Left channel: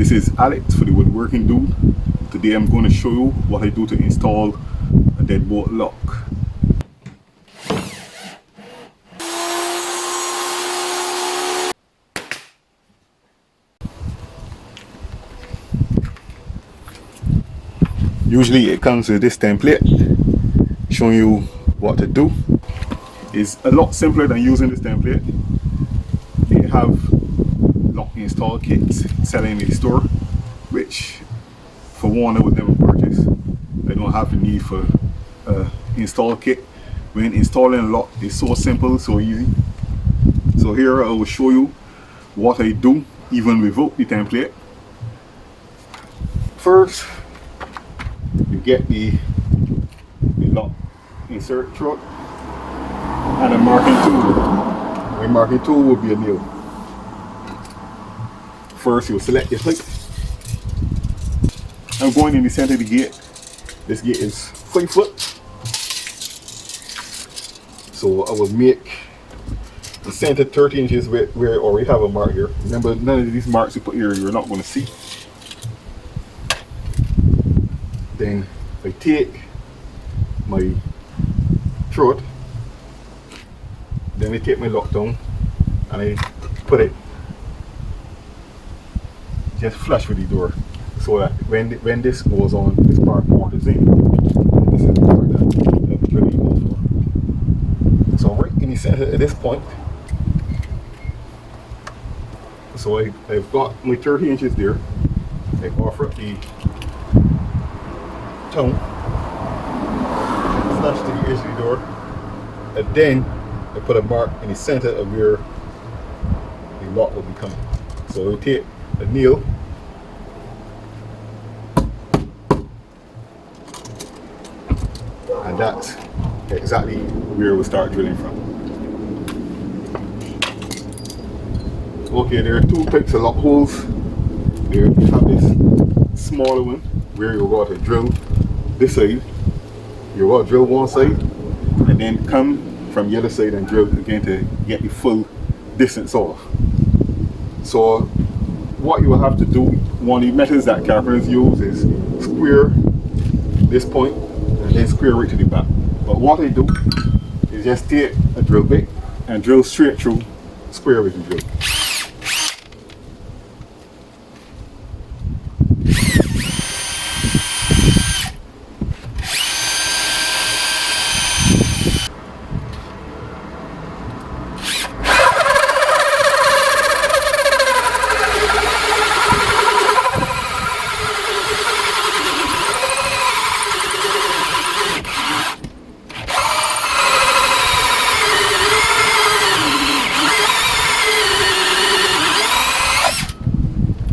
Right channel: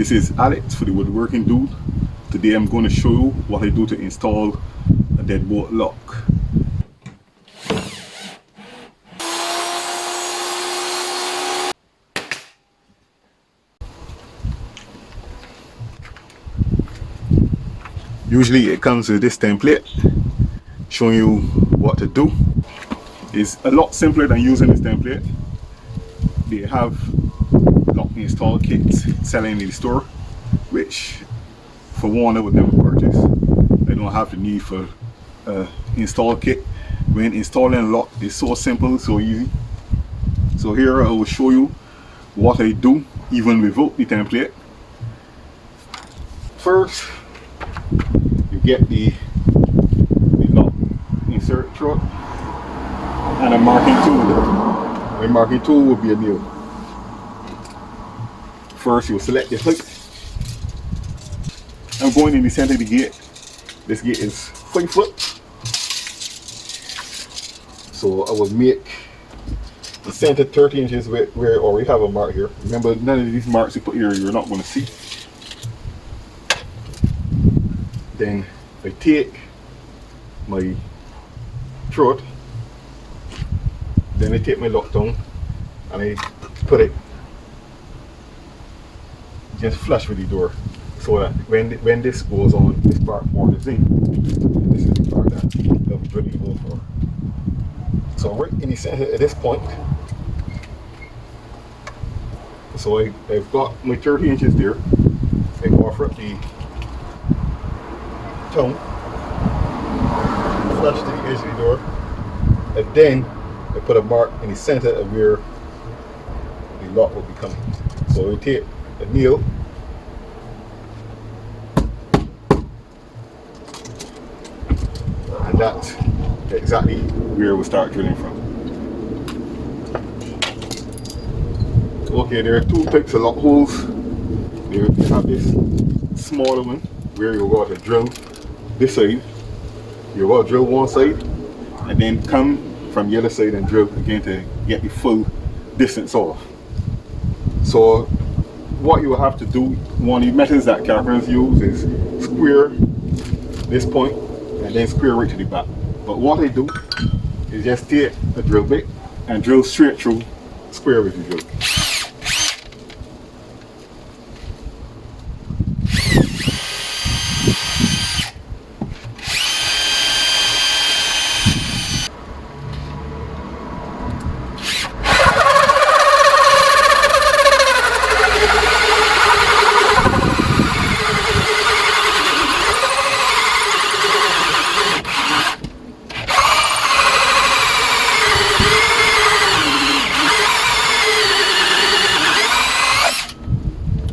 This is Alex for the Woodworking Dude. Today I'm going to show you what I do to install a deadbolt lock. Usually it comes with this template showing you what to do. It's a lot simpler than using this template. They have lock install kits selling in the store, which for one I would never purchase. I don't have the need for install kit. When installing a lock is so simple, so easy. So here I will show you what I do even without the template. First, you get the lock insert through and a marking tool. My marking tool will be a nail. First, you will select your height. I'm going in the center of the gate. This gate is 5 foot. So I will make the center 30 inches where I already have a mark here. Remember, none of these marks you put here you're not going to see. Then I take my throat, then I take my lock down and I put it just flush with the door, so that when this goes on, this part Mortice in. This is the part that was ready to go for. So right in the center at this point, so I've got my 30 inches there. I offer up the tongue, flush to the edge of the door, and then I put a mark in the center of where the lock will be coming. So I take a nail and that's exactly where we'll start drilling from. Okay, there are two types of lock holes. There you have this smaller one where you'll go to drill this side. You'll go to drill one side and then come from the other side and drill again to get the full distance off. So what you will have to do, one of the methods that carpenters use is square this point and then square right to the back. But what I do is just take a drill bit and drill straight through, square with the drill.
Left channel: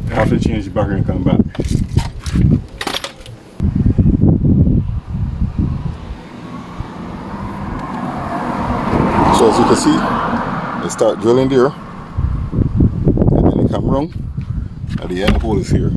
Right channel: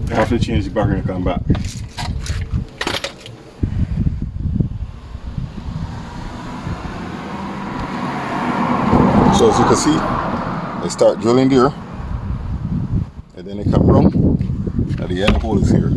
I have to change the background and come back. So as you can see, I start drilling there, and then I come round, and the end hole is here.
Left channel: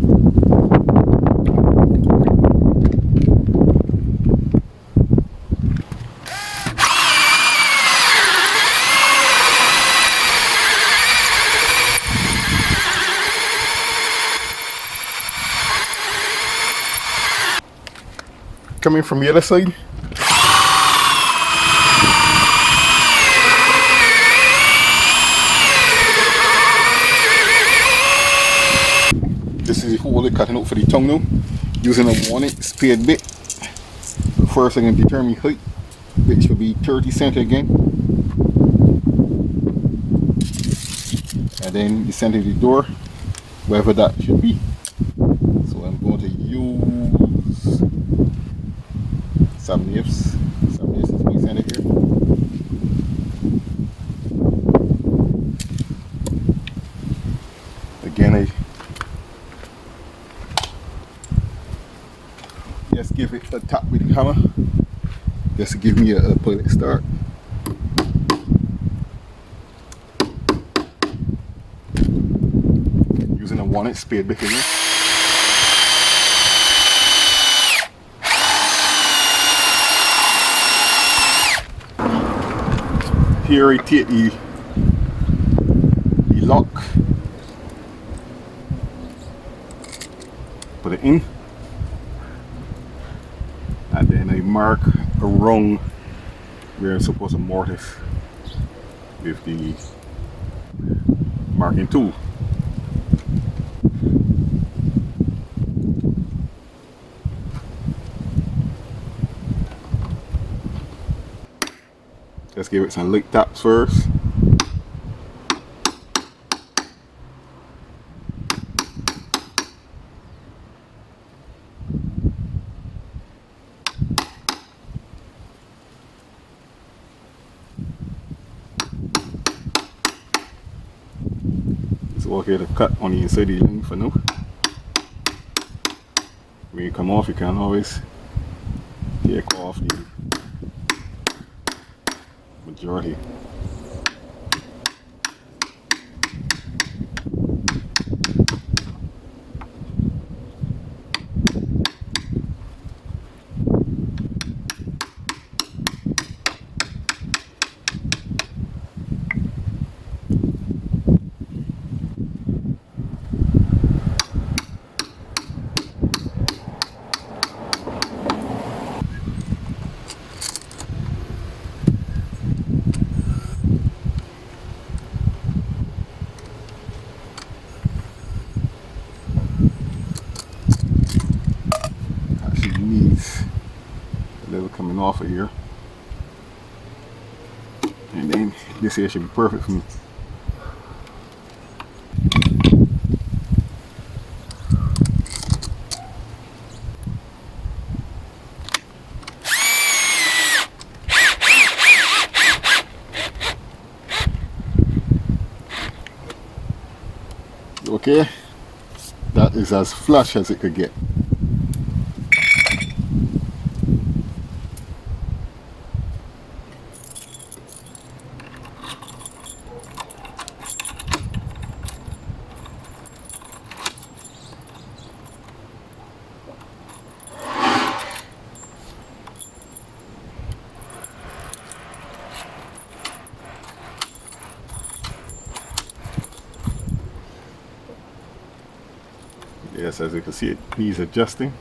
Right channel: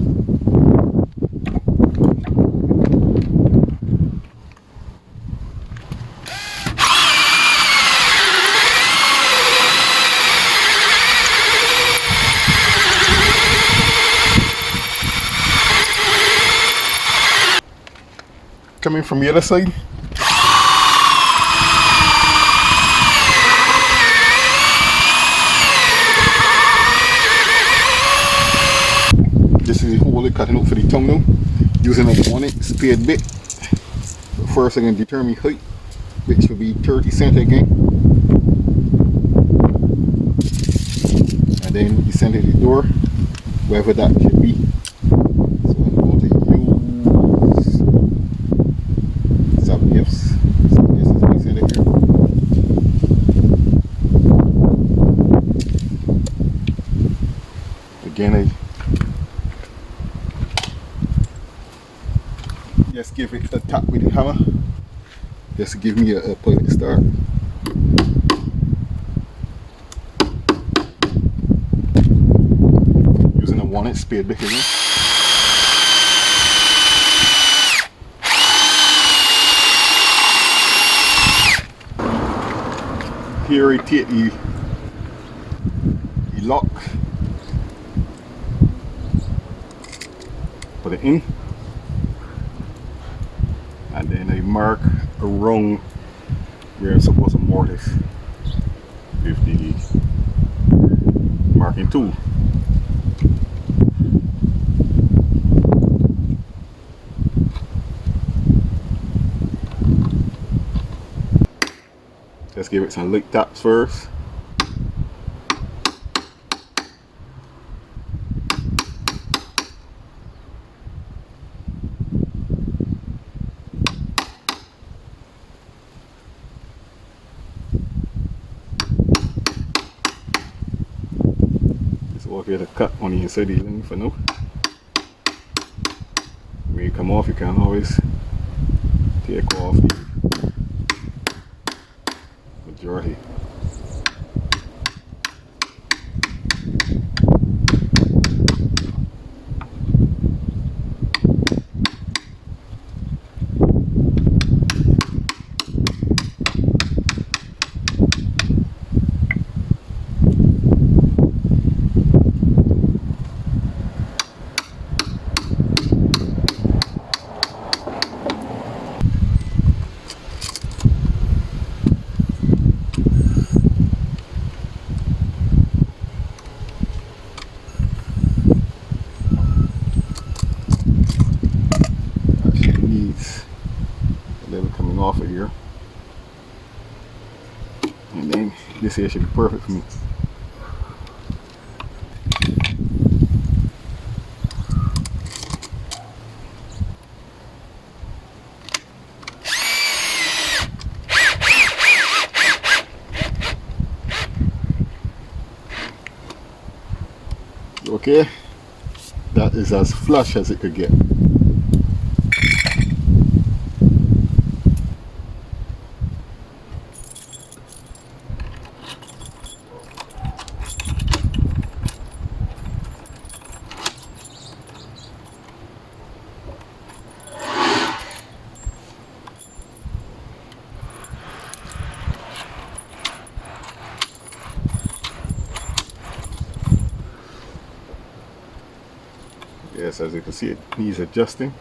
Coming from the other side, this is the hole I'm cutting out for the tongue now, using a 1/8 spade bit. First I'm going to determine height, which will be 30 centimeters again, and then the center of the door, wherever that should be. So I'm going to use some gifts. So this is my center here. Again, I just give it a tap with the hammer, just to give me a pilot start. Using a 1/8 spade bit again. Here I take the lock put it in, and then I mark around where I'm supposed to mortise with the marking tool. Let's give it some lick taps first. It's okay to cut on the inside of the ring for now. When you come off, you can always take off the majority. Needs a little coming off of here, and then this here should be perfect for me. Okay, that is as flush as it could get. Yes, as you can see, it needs adjusting.